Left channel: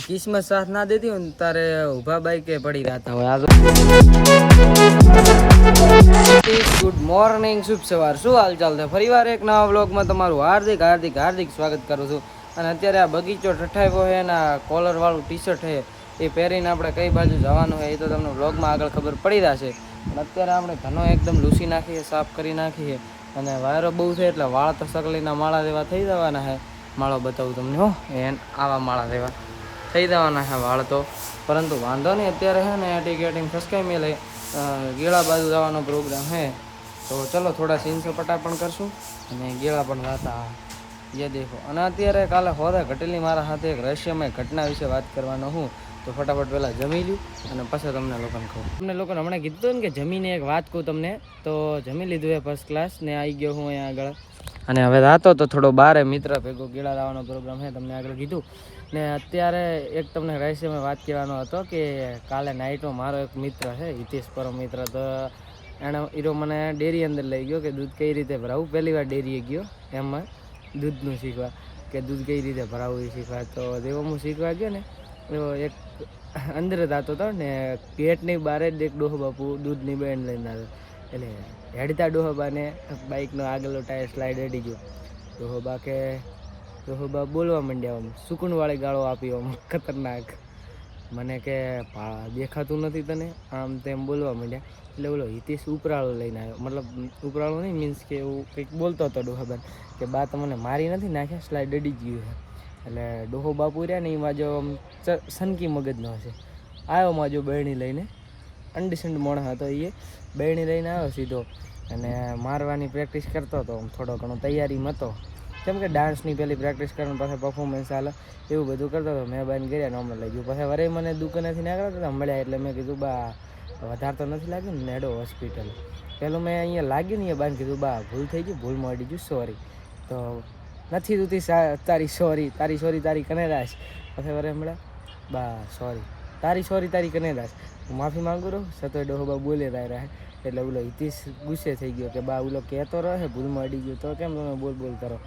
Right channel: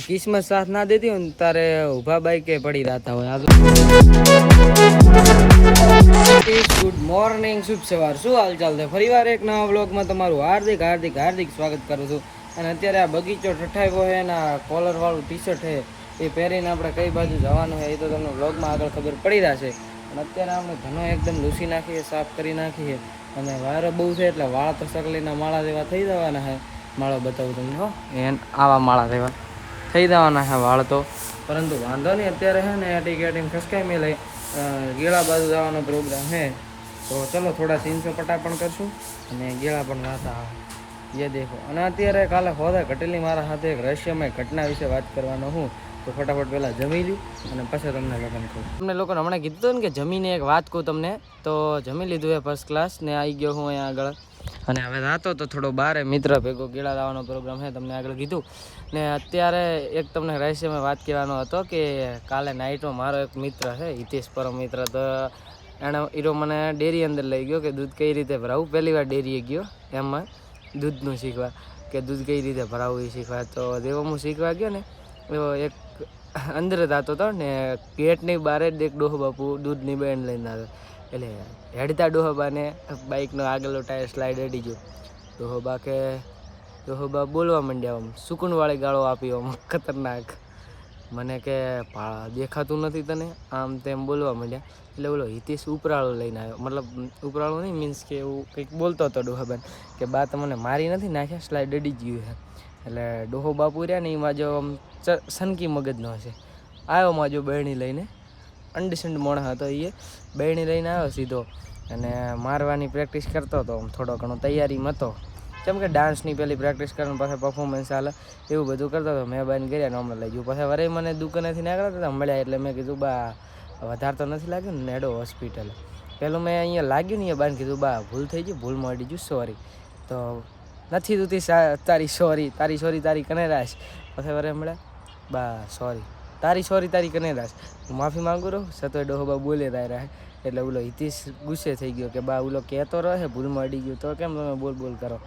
किस्मत साथ ना देती हो तारे उभा बाइक के पड़ी रहता हो गुड मॉर्निंग शुभ सवार શું હાલ ચાલ છે ફરીવાર એક નવા વ્લોગમાં તમારું હાર્દિક હાર્દિક હાર્દિક સ્વાગત કરું છું અને અત્યારે આ બગીચો ઠઠાવ્યો છે અને આ કોલર વાળું ટી શર્ટ છે એ પહેરીને આપણે કઈ બાજુ જવાનું હોય એ તો તમને વ્લોગમાં આગળ ખબર પડી રહેશે પણ અત્યારે આપણે ઘણો એકદમ લૂસી નાખીએ સાફ કરી નાખીએ અને વાયરો બહુ છે એટલે વાળ તો સકલીના માળા જેવા થઈ જવાના છે માળો બતાવું તમને હો એન આવા માળા જેવા થઈ જવાના છે વાળ તો પરંતુ વાંધો નહીં અત્યારે છે ને ટીકેટીને ખસકાઈ મેં લઈ ગેળા બાજુ જવાનો પ્રોગ્રામ છે તો ચલો થોડા સીન સપાટા પણ કરશું અને ગેળા પણ વાતા ये देखो અને અત્યારે કાલે હોદા ઘટેલી મારા સાથે એક રહસ્યમય ઘટના વિશે વાત કરવાનો હું તો ફટાફટ પહેલાં જમી લી અને પછી તમને લોકોને કહું તમને લોકોને હમણાં કીધું ને કે જમીને એક વાત કહું તમને તો જમી લીધું એ ફર્સ્ટ ક્લાસ ને આવી ગયો હું અહીંયા આગળ અને હવે રાતો તો થોડો બારે મિત્ર ભેગો ગેળા લાવવાનો પ્રોગ્રામ છે તમને આગળ કીધું ને અત્યારે એક તમને રહસ્યમય વાત કહેવાનો હતો કે કાલે નાઇટમાં મારો એક મિત્ર છે હિતેશ પરમ મિત્ર તો એણે હીરો મને ડેરી અંદર લઈ ગયો કે દૂધ કઈ રીતે ભરાવું પહેલી વાર ડેરીએ ગયો એમાં દૂધનું શીખવા કે દૂધ કઈ રીતે ભરાવું એ શીખવા તો દેવો હું શીખવા ગયો ને એવો એક અંદર જ આવતો હતો ને ગેટની બહાર જ એક ડોહો બાપુ દૂધની બેન લઈને આવ્યો એટલે હેડતા ડોહોબાને બાઇકનો આગળનો ટાયર સ્લાઇડ હેડી ગયો ડોહોબા બોલવા માંડ્યા આમ સુકૂનવાળી ગાળો આપી આમ ખતરનાક મને કે દેખાતું નથી તને આમ તેમ બોલવા માંડ્યા એટલે બોલો હિતેશ ઉપરાળો લઈને આવ્યો મતલબ ઉપરાળો નહીં મીન્સ કે એવું કંઈક બોલતો હતો ડોહાબાન કે બા તમને મારી નથી નાખ્યા સ્લાઇડ અડી ગયું છે એટલે ડોહો બાપુ રહ્યા ને એમાં જો આમ સનકી મગજનો હશે આવ્યો માજો બહેણી લઈને અંડસંડ મોણા હતો એ બહેણી લઈને આવ્યો સીધો અને મારવાની પ્રેક્ટિસ કરતો હતો આમ થોડો ઘણો તૈયારીમાં હતો કેમ કે ડાન્સની પેલી પ્રેક્ટિસ કરીને પાછા પરફોર્મન્સ હાલે એવું બધું કરતો હતો મેં બાઈને કર્યા ને અમે લઈ ગયું પછી વરે મને દુકાનેથી નીકળતા હતા મળ્યા એટલે મેં કીધું બા વધારે તો નથી લાગ્યું ને નેડો હોસ્પિટલ પેલું મેં અહીંયા લાગ્યું ને એ બાઈને કીધું બા ભૂલ થઈ ગયું ભૂલમાં અડી ગયું સોરી તો નથી તું તારી સોરી તારી કને રાશ પછી વરે મળ્યા બા સોરી તારી કને રાશ હું માફી માંગુ રહું સતો ડોહો બા બોલે રહ્યા એટલે ઓલો હિતેશ ગુસ્સે થઈ ગયો કે બા ઓલો કહેતો રહે ભૂલમાં અડી ગયો તો કેમ તમે બોલ કરો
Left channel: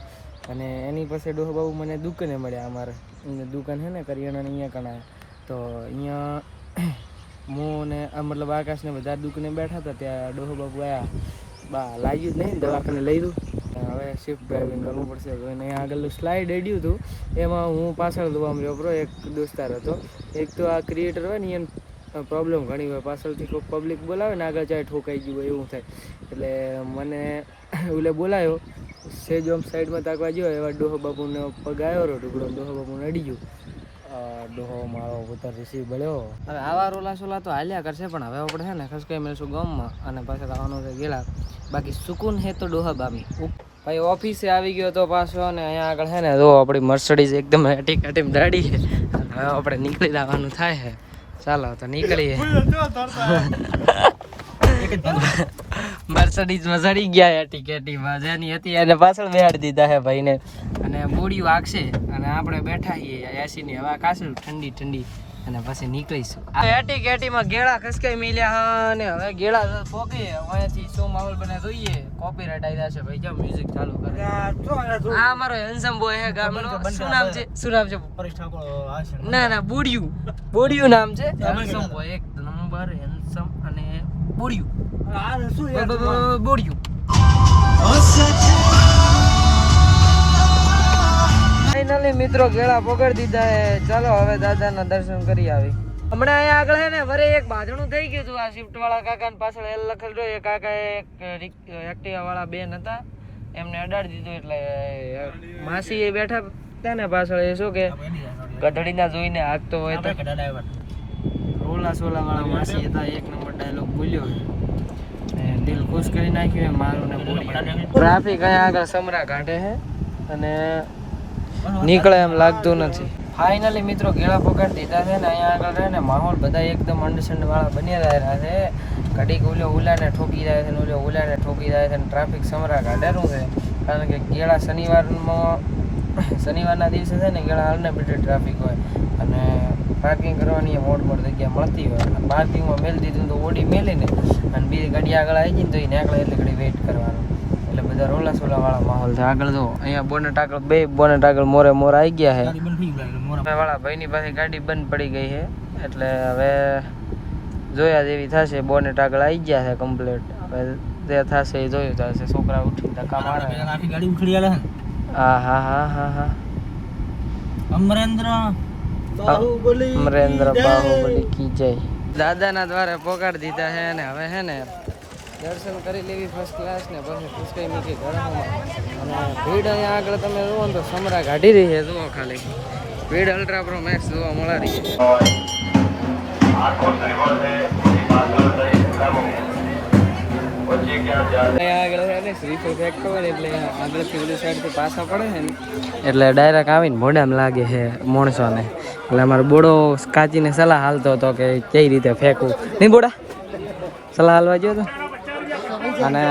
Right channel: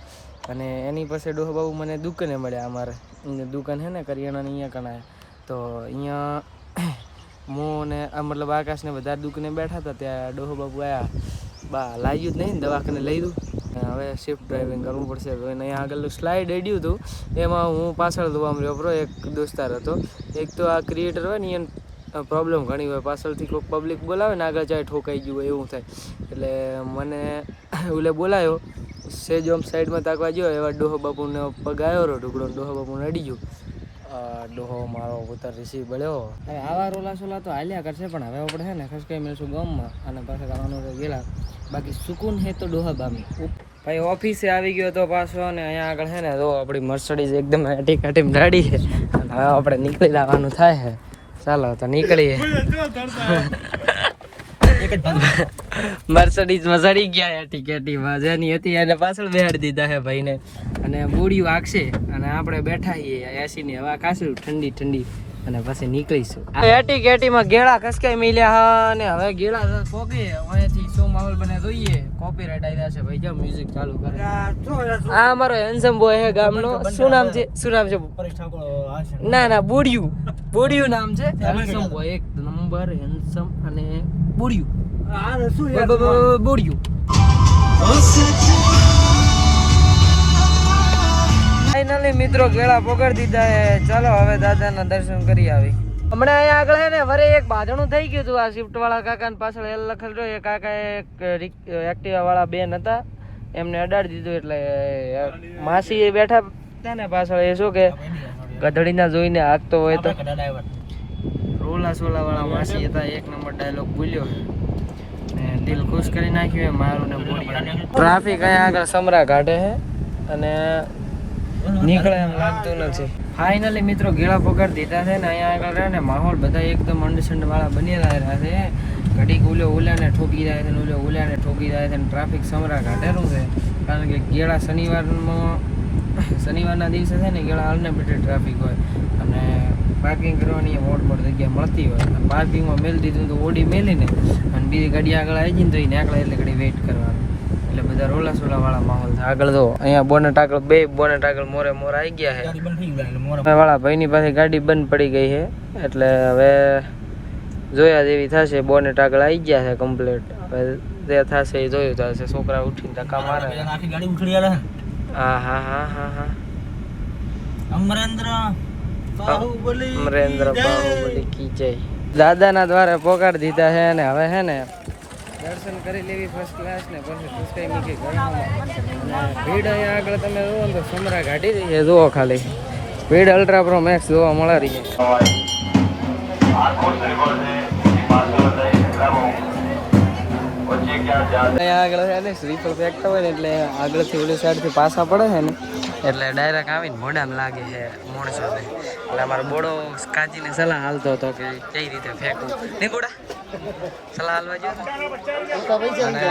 અને એની પાસે ડોહો બાબુ મને દુકાને મળ્યા અમારે અહીંયા દુકાન છે ને કરિયાણાની અહીંયા કણાય તો અહીંયા હું ને મતલબ આકાશને બધા દુકાને બેઠા હતા ત્યાં ડોહો બાબુ આવ્યા બા લાગ્યું જ નહીં દવાખાને લઈ દઉં હવે શિફ્ટ ડ્રાઇવિંગ કરવું પડશે અને અહીંયા આગળ સ્લાઇડ એડ્યું હતું એમાં હું પાછળ જોવા મળ્યો બરો એક દોસ્તાર હતો એક તો આ ક્રિએટર હોય ને એને પ્રોબ્લેમ ઘણી હોય પાછળથી કોઈ પબ્લિક બોલાવે ને આગળ ચાહે ઠોકાઈ ગયું હોય એવું થાય એટલે મને ઓલે બોલાયો સેજ આમ સાઈડમાં તાકવા ગયો એવા ડોહો બાપુને પગ આવ્યો રહ્યો ટુકડો ડોહો બાપુને અડી ગયું ડોહો મારો પુત્ર રિસીવ બળ્યો હવે આવા રોલા સોલા તો હાલ્યા કરશે પણ હવે આપણે છે ને ખસકાઈ મળીશું ગામમાં અને પાછા કરવાનું છે ગેલા બાકી સુકૂન હે તો ડોહા બામી ભાઈ ઓફિસે આવી ગયો તો પાછો અને અહીંયા આગળ છે ને જો આપણી મર્સિડીઝ એકદમ ટીકાટીમ ગાડી છે હવે આપણે નીકળી જવાનું થાય છે ચાલો તો નીકળીએ મર્સિડીઝમાં ચડી ગયા ટિકેટીમાં જેની હતી એને પાછળ બેહાડી દીધા છે ભાઈને અને મૂડી વાગશે અને આપણે બેઠા છીએ એસીની હવા કાશું ઠંડી અને પછી નીકળીશું એટીકેટીમાં ગેળા ખસકાઈ મિલ્યા હા અને હવે ગેળા પોગી અહીંયાથી શું માહોલ બને જોઈએ કોપીરાઈટ આવી જશે ભાઈ જો મ્યુઝિક ચાલુ કરે આ અમારો હેન્સમ બોય છે ગામનો શું નામ છે પરેશ ઠાકોર ના બુડિયું નામ છે હેન્સમ બોય એક નંબર હેન્સમ અને બુડિયું ફાઇનલી મિત્રો ગેળા પકડી દીધા ચાલો હવે દાદાના દર્શન કરી આવી હમણાં અહીંયા આગળ છે ને વરે એક બાજણું થઈ ગયું હતું આ શિફ્ટ વાળા કાકા ને પાછળ એલ લખેલું એ કાકા એક એક્ટિવા વાળા બેન હતા એમને અડાડી દીધું એટલે માસી એ બેઠા હતા ને પાછળ એ શું કે ગઢડીના જોઈને હાકતો હોય તો રોલા સોલા વાળા માસી હતા એક નંબર ડાયલોગ બોલ્યો ને દિલ ખુશ કરી નાખ્યું મારું ને બોડી ટ્રાફિક અહીંયા આગળ સમરા કાઢે છે અને નીકળે એમ લાગતું નથી ફાઇનલી મિત્રો ગેળા પકડ દીધા છે ને અહીંયા આગળ રહે ને માહોલ બધા એકદમ અંડરસ્ટેન્ડ વાળા બની રહ્યા છે ઘડીક ઉલાને ઠોકી રહ્યા છે ને ઉલાને ઠોકી રહ્યા છે ને ટ્રાફિક સમરા કાઢેલું છે કારણ કે ગેળા શનિવારના દિવસે છે ને ગેળા અનલિમિટેડ ટ્રાફિક હોય અને પાર્કિંગ કરવાની મોડ જગ્યા મળતી હોય અને પાર્કિંગમાં મેળ દીધું તો ઓડી મેલીને અને બીજી ગાડી આગળ આવી જઈને તો એ નીકળે એટલે ઘડી વેઇટ કરવાનું એટલે બધા રોલા સોલા વાળા માહોલ છે આગળ જો અહીંયા બોનેટ આગળ મોરે આવી ગયા છે વાળા ભાઈની પાસે ગાડી બંધ પડી ગઈ છે એટલે હવે જોયા જેવી થશે. બોનેટ આગળ આવી ગયા છે કમ્પ્લીટ. હવે જે થશે એ જોયું થશે. છોકરા ઉઠીને ધક્કા મારે. હા હા હા હા હા અમરેન્દ્ર બાહુબલી કી જય. દાદાના દ્વારા પોકાડી દીધા છે અને હવે છે ને દર્શન કરી લેવી ફર્સ્ટ ક્લાસ ને પછી પુષ્કઈ મૂકી ગરમામાં. અને ભીડ અહીંયા આગળ તમે જુઓ ને તો સમરા કાઢી રહી છે. જુઓ ખાલી ભીડ અલ્ટ્રા પ્રો મેક્સ જોવા મળે રહી છે. અહીંયા આગળ છે ને શ્રીફળ ફેંકતા હોય ને એટલે આગળથી ઓલી સાઈડથી પાછા પડે છે ને એટલે ડાયરેક્ટ આવીને મોઢામાં લાગે છે માણસોને. એટલે અમારો બોડો કાચીને સલાહ હાલતો હતો કે કઈ રીતે ફેંકવું. નહીં બોડા સલાહ હાલવા ગયો હતો. અને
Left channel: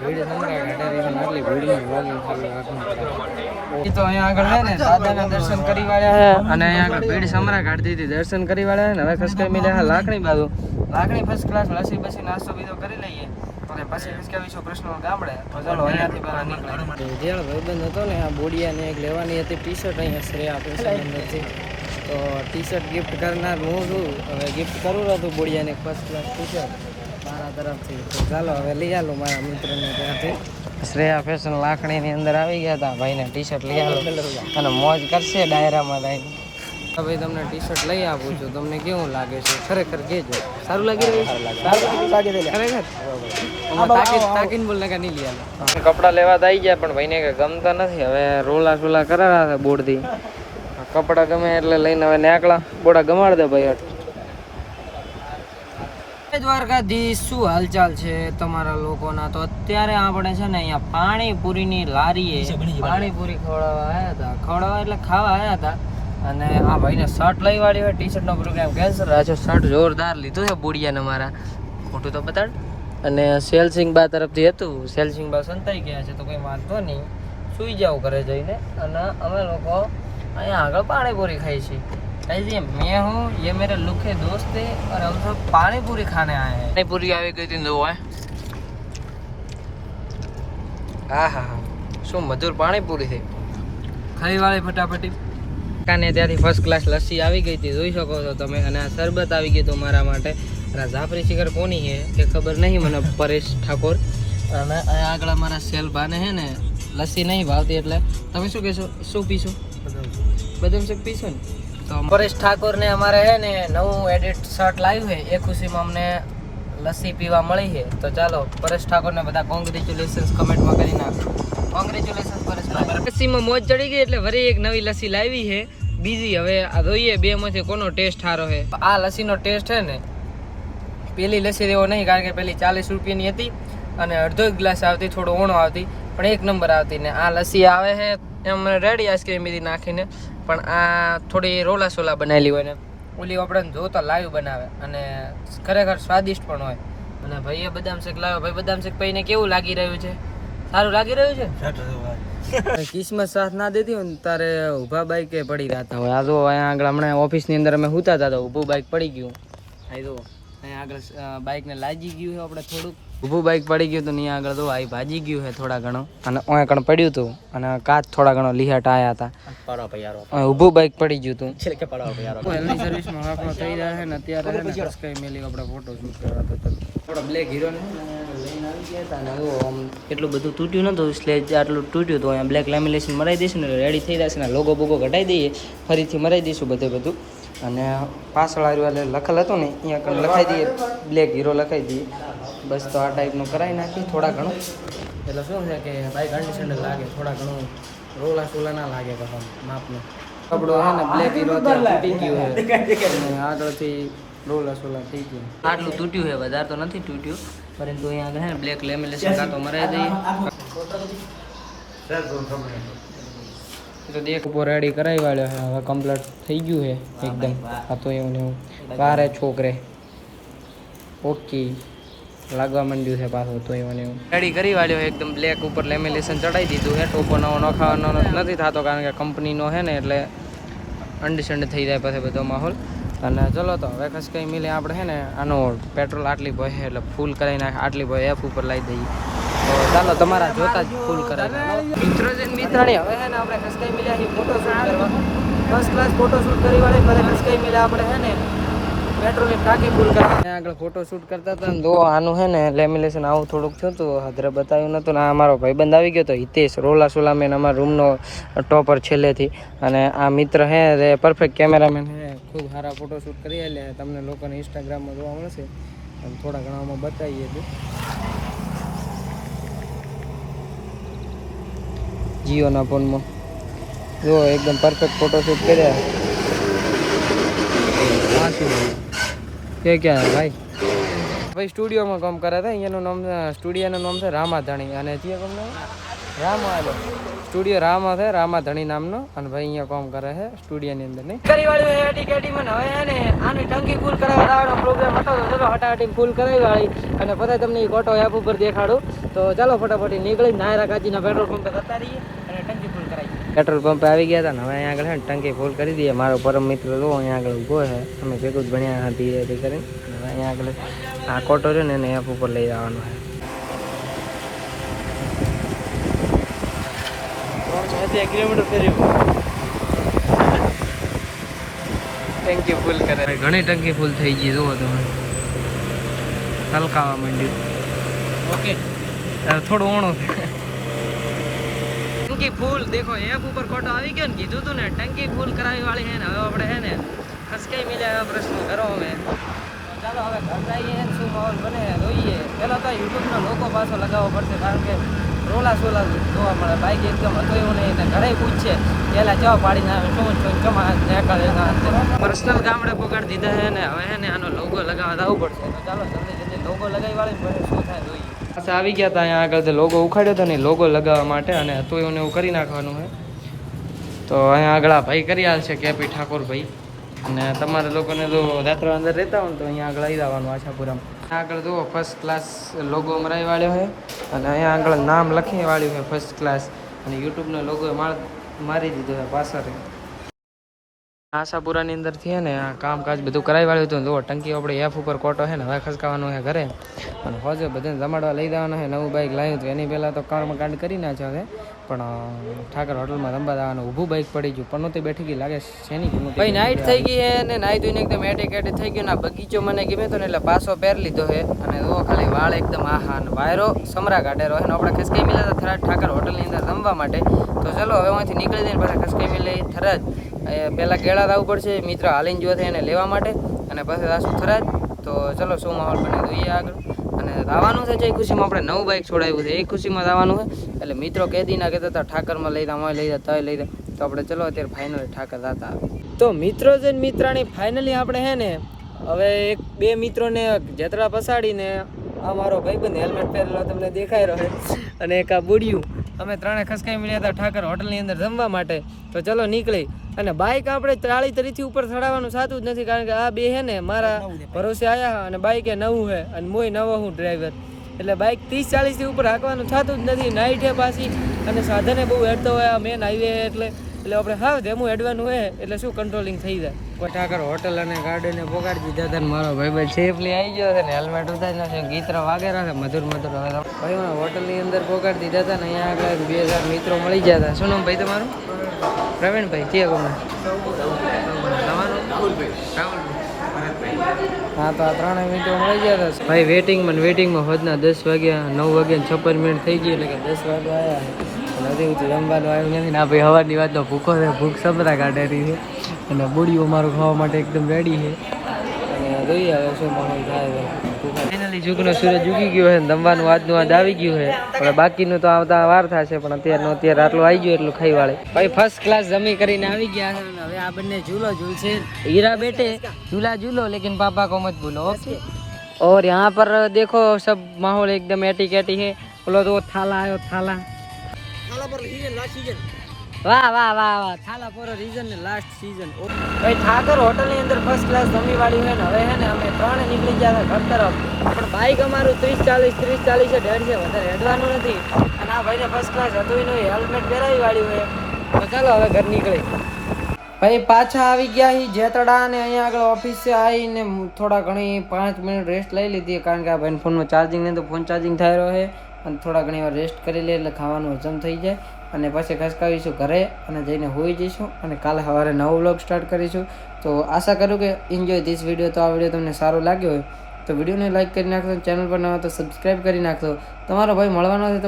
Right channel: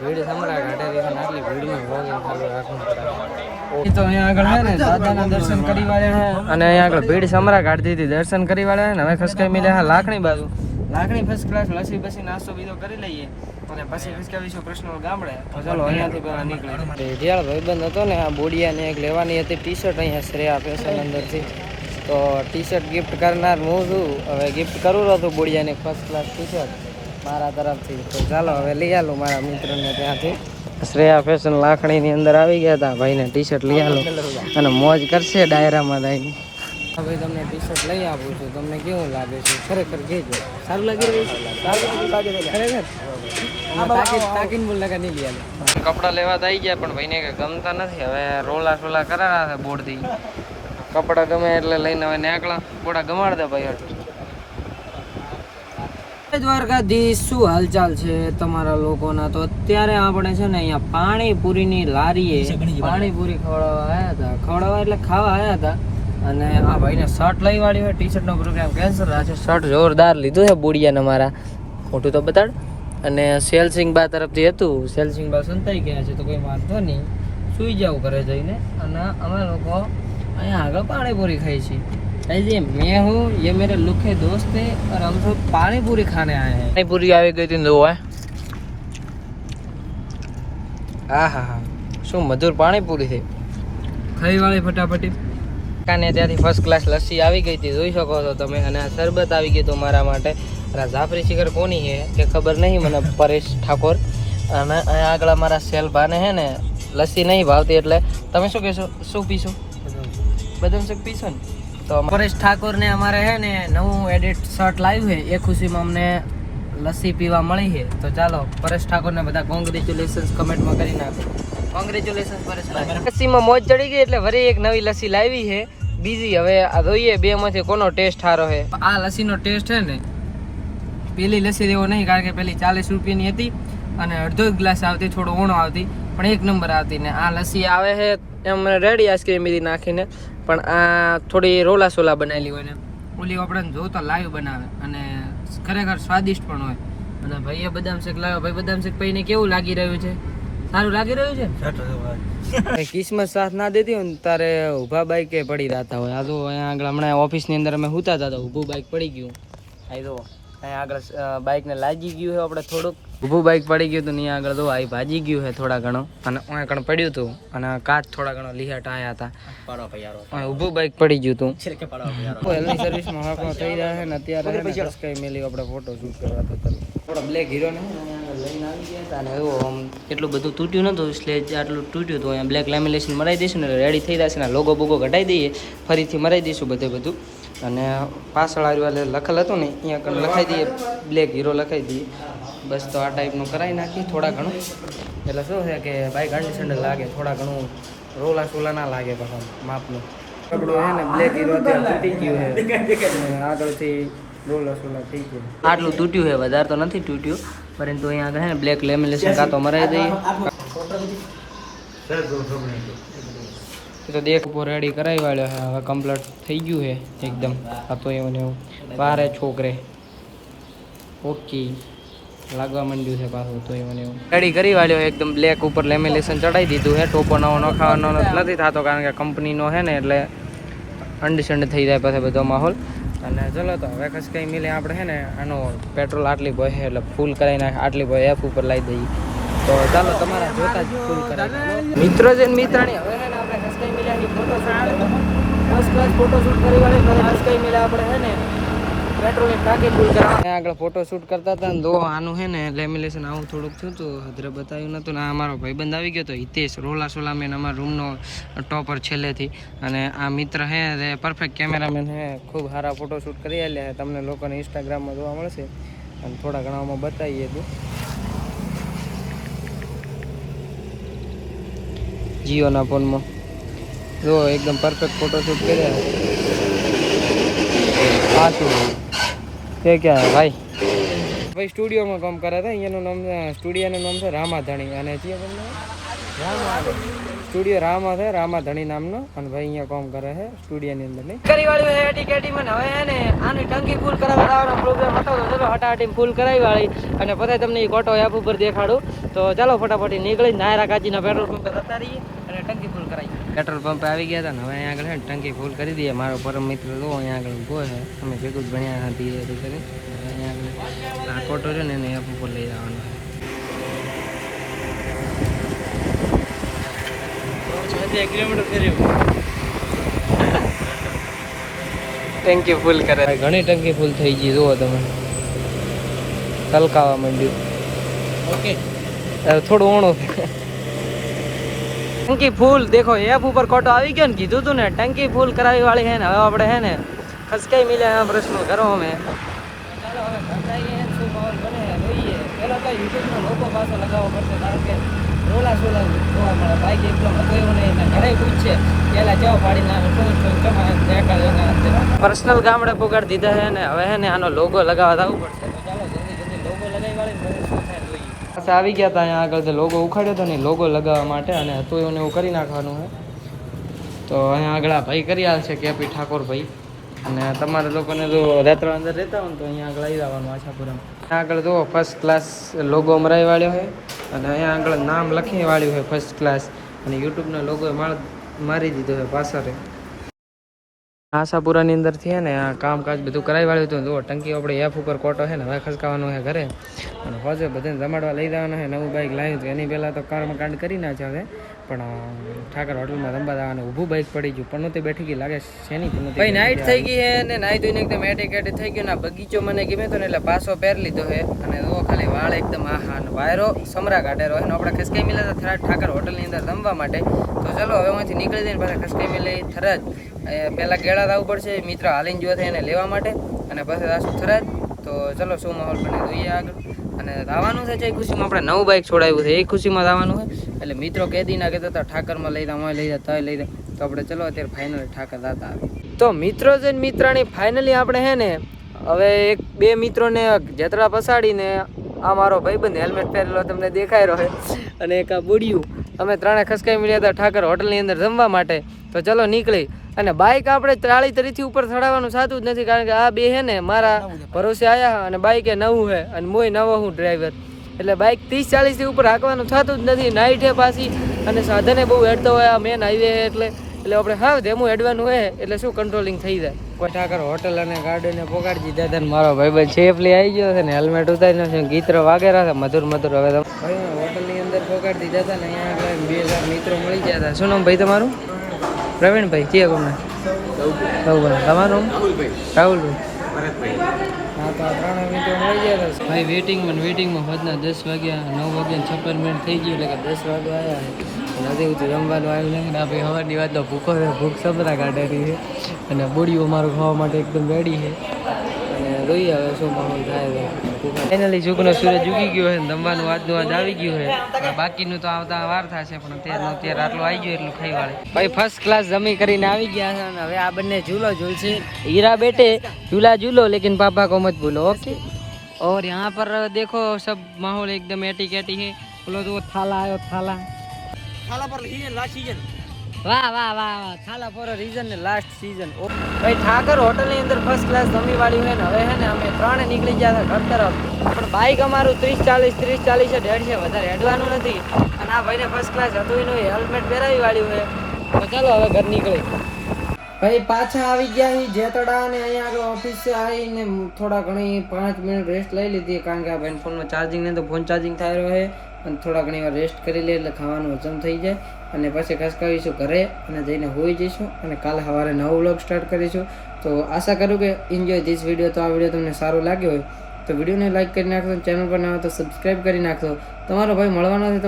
ભીડ સમરા ઘાટે રહી છે ને આટલી ભીડમાં વોગિંગ ખાલી રાખવું પડે. તો અહીંયા આગળ છે ને દાદાના દર્શન કરી વાળ્યા છે અને અહીંયા આગળ ભીડ સમરા કાઢતી હતી. દર્શન કરી વાળ્યા છે ને હવે ખસકાવી જાય લાકડી બાજુ. લાકડી ફર્સ્ટ ક્લાસ લસી બસી નાસ્તો બીજો કરી લઈએ એટલે પછી ખસકાવીશું કૃષ્ણ ગામડે. ચાલો અહીંયાથી પેલા નીકળી. જ્યાં ભાઈબંધ હતો ને આ બોડિયાને એક લેવાની હતી ટી શર્ટ અહીંયા શ્રેયા ફેશન અંદરથી. તો ટી શર્ટ ગિફ્ટ કરનાર હું છું. હવે ગિફ્ટ કરવું હતું બોડિયાને ફર્સ્ટ ક્લાસ ટી શર્ટ મારા તરફથી. તો ચાલો હવે લઈ આલું મારા મિત્રને ત્યાંથી. શ્રેયા ફેશન લાખણીની અંદર આવી ગયા હતા. ભાઈને ટી શર્ટ લઈ આવું અને મોજ કરશે ડાયરામાં લઈને. ભાઈ તમને ટી શર્ટ લઈ આપું છું. તમને કેવું લાગે છે ખરેખર કહેજો. સારું લાગી રહ્યું છે? સારું લાગી ખરેખર તાકીને બોલ લગા નહીં લઈ આલો. કપડાં લેવા તો આવી ગયા પણ ભાઈને કે ગમતા નથી. હવે રોલા સોલા કરાવ્યા છે બોર્ડથી. કપડાં ગમે એટલે લઈને હવે નાકલા બોડા ગમાડ દે ભાઈ. દ્વારકાધીશ શું હાલચાલ છે તમારા લોકોના? તો અત્યારે આપણે છે ને અહીંયા પાણીપુરીની લારીએ પાણીપુરી ખવડાવવા એટલે ખાવા આવ્યા હતા. અને આ ભાઈને શર્ટ લઈ વાળી હોય. ટી શર્ટનો પ્રોગ્રામ કેન્સલ થયો છે. શર્ટ જોરદાર લીધું છે બોડિયાને મારા. ખોટું તો બતાડ. અને સેલસિંગ બા તરફથી હતું. સેલસિંગ બા સંતાઈ ગયા છે તો કોઈ વાંધો નહીં. સુઈ જાવ ઘરે જઈને. અને અમે લોકો અહીંયા આગળ પાણીપુરી ખાઈ છીએ. ऐसे मैं हूँ ये मेरे लुक है दोस्त है और हम सब पानी पूरी खाने आए हैं. पानी पूरी આવી ગઈ હતી દો હે. હા હા હા શું મધુર પાણી પૂરી છે. ખાઈ વાળી ફટાફટી. કાને ત્યાંથી ફર્સ્ટ ક્લાસ લસ્સી આવી ગઈ હતી જોઈ શકો છો તમે. અને આ શરબત આવી ગયું હતું મારા માટે. અને જાફરી શિખર કોની છે કે ખબર નહીં મને. પરેશ ઠાકોર. અને અહીંયા આગળ મારા સેલભાને છે ને લસ્સી નહીં ભાવતી એટલે તમે શું કહેશો? શું પીશો? બદામ શેક પીશો ને? તો પરેશ ઠાકોર ને અમારે છે ને નવું એડિટ શર્ટ લાવ્યું છે એ ખુશીમાં અમને લસ્સી પીવા મળી છે. તો ચાલો પરેશ ઠાકોર ને બધા કોંગ્રેચ્યુલેશન્સ કમેન્ટમાં કરી નાખો. કોંગ્રેચ્યુલેશન્સ પરેશ ઠાકોર. લસ્સીમાં મોજ ચડી ગઈ એટલે વળી એક નવી લસ્સી લાવી છે બીજી. હવે આ જોઈએ બે માંથી કોનો ટેસ્ટ સારો છે. આ લસ્સીનો ટેસ્ટ છે ને પેલી લસ્સી એવો નહીં કારણ કે પેલી 40 રૂપિયાની હતી અને અડધો ગ્લાસ આવતી થોડું ઓણો આવતી પણ એક નંબર આવતી. ને આ લસ્સી આવે છે એમ રેડી આઈસ્ક્રીમ બીજી નાખીને પણ આ થોડી રોલા સોલા બનાવેલી હોય ને ઓલી આપણે જોતો લાઈવ બનાવે અને ખરેખર સ્વાદિષ્ટ પણ હોય. અને ભાઈએ બદામ શેક લાવ્યો. ભાઈ બદામ શેક પીને કેવું લાગી રહ્યું છે? સારું લાગી રહ્યું છે? કિસ્મત સાથ ના દેતી હોય ને તારે ઊભા બાઈકે પડી રહેતા હોય. આ જો અહીંયા આગળ હમણાં ઓફિસની અંદર અમે સૂતા હતા તો ઊભું બાઈક પડી ગયું. આ જો અહીંયા આગળ બાઈકને લાગી ગયું છે આપણે થોડુંક. ઊભું બાઈક પડી ગયું હતું અહીંયા આગળ તો આ ભાજી ગયું છે થોડા ઘણું. અને ઓય કણ પડ્યું હતું અને કાચ થોડા ઘણો લીહાટ આવ્યા હતા. ઊભું બાઈક પડી ગયું હતું. હેલ્થની સર્વિસમાં આપણો થઈ રહ્યા છે ને અત્યારે કઈ મેલી આપણે ફોટો શૂટ કરવા થોડા બ્લેક હીરોને લઈને આવી ગયા હતા. અને એવું આમ એટલું બધું તૂટ્યું નતું સ્લેજ આટલું તૂટ્યું હતું. અહીંયા બ્લેક લેમિનેશન મરાઈ દઈશું ને રેડી થઈ જશે ને લોગો બોગો ઘટાડી દઈએ ફરીથી મરાઈ દઈશું બધું. અને પાછળ આવ્યું એટલે લખેલ હતું ને અહીંયા કણ લખાઈ દઈએ બ્લેક હીરો લખાઈ દઈએ બસ. તો આ ટાઈપનું કરાવી નાખી થોડા ઘણું એટલે શું છે કે બાઇક કન્ડિશન લાગે થોડા ઘણું રોલા સોલા ના લાગે પાછા માપનું. કપડું છે ને બ્લેક હીરો અત્યારે તૂટી ગયું છે અને આગળથી રોલા સોલા થઈ ગયું. આટલું તૂટ્યું છે વધારે તો નથી તૂટ્યું પરંતુ અહીંયા આગળ છે ને બ્લેક લેમિનેશન કાં તો મરાઈ દઈએ. તો દેખ ઉપર રેડી કરાવી વાળ્યો છે હવે કમ્પ્લીટ થઈ ગયું છે એકદમ. આ તો એવું ને એવું વારે છોકરે ઓકે લાગવા માંડ્યું છે પાછું. તો એવું ને એવું રેડી કરી વાળ્યો એકદમ બ્લેક ઉપર લેમિનેશન ચડાવી દીધું છે. ટોપો નવો નખાવાનો નથી થતો કારણ કે કંપનીનો છે ને એટલે અંડરસ્ટેન્ડ થઈ જાય પછી બધો માહોલ. અને ચલો તો હવે કશ કંઈ મિલે આપણે છે ને આનું પેટ્રોલ આટલી ભય એટલે ફૂલ કરાવી નાખે આટલી ભય એફ ઉપર લાવી દઈએ તો ચાલો તમારા જોતા જ ફૂલ કરાવી. મિત્રો છે ને મિત્રાણી હવે છે ને આપણે કસ્કાઈ મિલાની photo first class photo shoot કરી વાળે ઘરે કસ્કાઈ મિલા આપણે છે ને મેટ્રોની ટાંકી ફૂલ કરવા આગળ ફોટો શૂટ કરતા હતા ને. આનું છે ને લેમિનેશન આવું થોડુંક થયું હતું, હદરે બતાવ્યું નતું ને. આ અમારો ભાઈબંધ આવી ગયો તો હિતેશ રોલા સોલામેન, અમારા રૂમનો ટોપર છેલ્લેથી. અને આ મિત્ર હે તે પરફેક્ટ કેમેરામેન હે, ખૂબ સારા ફોટો શૂટ કરી આલ્યા. તમને લોકોને ઇન્સ્ટાગ્રામમાં જોવા મળશે અને થોડા ઘણામાં બતાવીએ હતું. જીઓના ફોનમાં જો એકદમ પરફેક્ટ ફોટો શૂટ કર્યા. આ શું કે ક્યાં ભાઈ ભાઈ સ્ટુડિયોમાં કામ કરે હતા. અહીંયાનું નામ સ્ટુડિયોનું નામ છે રામાધણી અને જે કામ નામ રામા સ્ટુડિયો રામા છે, રામાધણી નામનો. અને ભાઈ અહીંયા કામ કરે છે સ્ટુડિયોની અંદર નહીં કરી વાળી હે ટિકેટી મને. હવે ને આની ટંકી ફૂલ કરાવવા આવવાનો પ્રોગ્રામ હતો તો ચલો હટાહટી ફૂલ કરાવી વાળી અને પછી તમને એ કોટો એપ ઉપર દેખાડું. તો ચાલો ફટાફટ નીકળી નાયરા કાચીના પેટ્રોલ પંપે જતા રહીએ અને ટંકી ફૂલ કરાવી. પેટ્રોલ પંપે આવી ગયા હતા ને હવે અહીંયા આગળ છે ને ટંકી ફૂલ કરી દઈએ. મારો પરમ મિત્ર જો અહીંયા આગળ ઊભો છે, અમે ભેગું જ ભણ્યા હતી એ કરીને. અહીંયા આગળ આ કોટો છે ને એને એપ ઉપર લઈ જવાનો છે. ટંકી ફૂલ કરે, ઘણી ટંકી ફૂલ થઈ ગઈ જુઓ તમે, તલકાવા માંડ્યું. ઓકે થોડું ઊણું ટંકી ફૂલ દેખો એપ ઉપર ખોટો આવી ગયો ને. કીધું તું ને ટંકી ફૂલ કરાવી વાળી હે ને. હવે આપણે હે ને ખસકાઈ મિલ્યા આ પ્રશ્ન કરો અમે. ચાલો હવે ખસકાઈએ શું માહોલ બને જોઈએ. પેલા તો યુટ્યુબનો લોગો પાછો લગાવવો પડશે, કારણ કે રોલા સોલા જોવા મળે. બાઈક એકદમ હતો એવું નહીં ને ઘરે પૂછશે પેલા જવા પાડીને પર્સનલ ગામડે પોગાડી દીધા છે ને. હવે હે ને આનો લોગો લગાવવા જવું પડશે. તો ચાલો જલ્દી જલ્દી લોગો લગાવી વાળી પછી શું થાય જોઈએ. પાછા આવી ગયા હતા અહીંયા આગળ લોગો ઉખાડ્યો હતો ને લોગો લગાવવા માટે, અને હતું એવું એવું કરી નાખવાનું છે. તો અહીંયા આગળ આ ભાઈ કરી આવશે કેપી ઠાકોર ભાઈ. અને તમારે લોકોને જો રેત્રા અંદર રહેતા હોય ને તો અહીંયા આગળ આવી જવાનું આશાપુરામાં. આગળ જુઓ ફર્સ્ટ ક્લાસ લોગો મરાઈ વાળ્યો છે અને અહીંયા આગળ નામ લખી વાળ્યું છે ફર્સ્ટ ક્લાસ. અને યુટ્યુબનો લોગો મારી દીધો છે પાછળ. આશાપુરાની અંદરથી ને આ કામકાજ બધું કરાવી વાળ્યું હતું. જુઓ ટંકી આપણે એફ ઉપર કોટો છે ને હવે ખસકાવાનો છે ઘરે. અને હોજે બધાને જમાડવા લઈ જવાના છે. નવું બાઇક લાવ્યું હતું એની પહેલાં તો કર્મકાંડ કરી નાખ્યો હવે. પણ ઠાકર હોટલમાં રમવા જવાનું ઊભું બાઇક પડી ગયું, પણ નહોતી બેઠી ગઈ લાગે શેની પણ ભાઈ. નાઇટ થઈ ગઈ છે ને નાહી ધોઈને એકદમ એટેક થઈ ગયું ને. બગીચો મને ગમે તો ને એટલે પાછો પહેર લીધો છે. અને જુઓ ખાલી વાળ એકદમ આહા ને વાયરો સમરા કાઢેલો છે ને. આપણે ખસકાઈ મિલ્યા હતા થરાદ ઠાકર હોટલની અંદર રમવા માટે. તો ચલો હવે અહીંથી નીકળી જઈને પાછા ખસકાઈ મિલે થરાદ. પહેલાં ગેળા આવવું પડશે મિત્ર હાલીને જોવા થાય એને લેવા માટે, અને પછી આશું થરાદ. તો ચલો શું માહોલ બને જોઈએ આગળ. અને આવવાનું છે જે ખુશીમાં આપણે નવું બાઇક છોડાવ્યું છે એ ખુશીમાં આવવાનું છે. એટલે મિત્રો કેદી ના કહેતા હતા ઠાકરમાં લઈ જાવ લઈ જાય લઈ જાય. તો આપણે ચલો અત્યારે ફાઇનલી ઠાકર જતા આવે. તો મિત્રો છે મિત્રાણી ફાઇનલી આપણે હે ને હવે એક બે મિત્રોને જતરા પસાડીને આ મારો ભાઈબંધ હેલ્મેટ પહેરેલો તમને દેખાઈ રહ્યો છે અને એક આ બુડિયું અમે ત્રણે ખસકાઈ મળ્યા હતા ઠાકર હોટલની અંદર જમવા માટે. તો ચલો નીકળી. અને બાઇક આપણે 33 ઉપર ચડાવવાનું સાચું જ નથી, કારણ કે આ બે હે ને મારા ભરોસે આવ્યા અને બાઇક એ નવું છે અને મોય નવો હું ડ્રાઈવર. એટલે બાઇક 30-40 થી ઉપર હાંકવાનું થતું જ નથી. નાઇટ છે પાછી અને સાધને બહુ હેડતો હોય. આ મેન હાઈવે એટલે આપણે હા ધેમું હેડવાનું હોય એટલે શું કંટ્રોલિંગ થઈ જાય. કોઈ ઠાકર હોટલ અને ગાર્ડને પોગાડી દીધા હતા. મારો ભાઈ સેફલી આવી ગયો છે ને હેલ્મેટ ઉતારી છે, ગીતરો વાગેરા છે મધુર મધુર. હવે ભાઈ હોટલની અંદર પોગાડી દીધા હતા ને અહીંયા આગળ 2000 મિત્રો મળી ગયા હતા. શું નામ ભાઈ તમારું? પ્રવીણભાઈ. કયા ગમે તમારું? રાહુલભાઈ. હા તો આ ત્રણેય મિત્રો મળી ગયા હતા ભાઈ. વેટિંગમાં હોજના 10 વાગ્યા 9 વાગ્યા 56 મિનિટ થઈ ગઈ એટલે કે 10 વાગે આવ્યા. હજી હું જમવાનું આવ્યું નથી ને આ ભાઈ સવારની વાત તો ભૂખો છે, ભૂખ સબરા કાઢેલી છે. અને બોડીઓ મારું ખાવા માટે એકદમ રેડી છે. અને જોઈએ હવે શું માહોલ થાય. ફાઇનલી જુગનો સૂરજ ઉગી ગયો છે, જમવાનું આજનું આજ આવી ગયું છે. હવે બાકીનું તો આવતા વાર થશે, પણ અત્યારે આટલું આવી ગયું એટલું ખાઈ વાળે. ભાઈ ફર્સ્ટ ક્લાસ જમી કરીને આવી ગયા છે. અને હવે આ બંને ઝૂલો ઝૂલશે. हीरा बेटे झूला झूलो लेकिन पापा को मत भूलो, ओके। और यहाँ पर देखो सब माहौल एकदम एटी कैटी है। बोलो तो थाला आयो थाला पर लास्ट सीजन। वाह वाह वाह वाह थाला पर रीजन ने लास्ट सीजन। भाई ઠાકર હોટલ ની અંદર ફર્સ્ટ ક્લાસ જમી વાળી હોય ને. હવે હે ને અમે ત્રણે નીકળી ગયા ઘર તરફ, પણ બાઈક અમારું 30-40 છે, 150 છે, વધારે હેડવાનું નથી. અને આ ભાઈને ફર્સ્ટ ક્લાસ હતું એનું હેલ્મેટ પહેરાવી વાળ્યું હોય. તો ચાલો હવે ઘર નીકળી. ભાઈ પાછા આવી ગયા હી જેતડા ને અહીંયા આગળ ઓફિસે આવીને થોડા ઘણી 5 મિનિટ રેસ્ટ લઈ લીધી, કારણ કે આ ભાઈ ફોનમાં ચાર્જિંગ નહીં તો ફોન ચાર્જિંગ થઈ રહ્યો છે. અને થોડા ઘણી વાર રેસ્ટ કરી લે એટલે ખાવાનું હજમ થઈ જાય અને પછી ખસકાવીશું ઘરે અને જઈને હોઈ જઈશું અને કાલે સવારે નવો વ્લોગ સ્ટાર્ટ કરીશું. તો આશા કરું કે એન્જોય ધીસ વિડીયો. તો આ વિડીયો તમને સારો લાગ્યો હોય તો વિડીયોને લાઈક કરી નાખજો, ચેનલ પર ન હોય તો સબસ્ક્રાઈબ કરી નાખજો. તમારો ભાઈ મળવાનો છે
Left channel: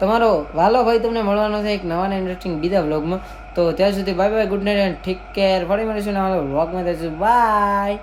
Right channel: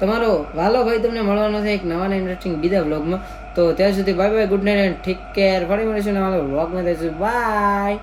તમારો વાલો ભાઈ તમને મળવાનો છે એક નવા ઇન્ટરેસ્ટિંગ બીજા વ્લોગમાં. તો ત્યાં સુધી bye bye, good night and take care. ફરી મળીશું નવા વ્લોગમાં. બાય.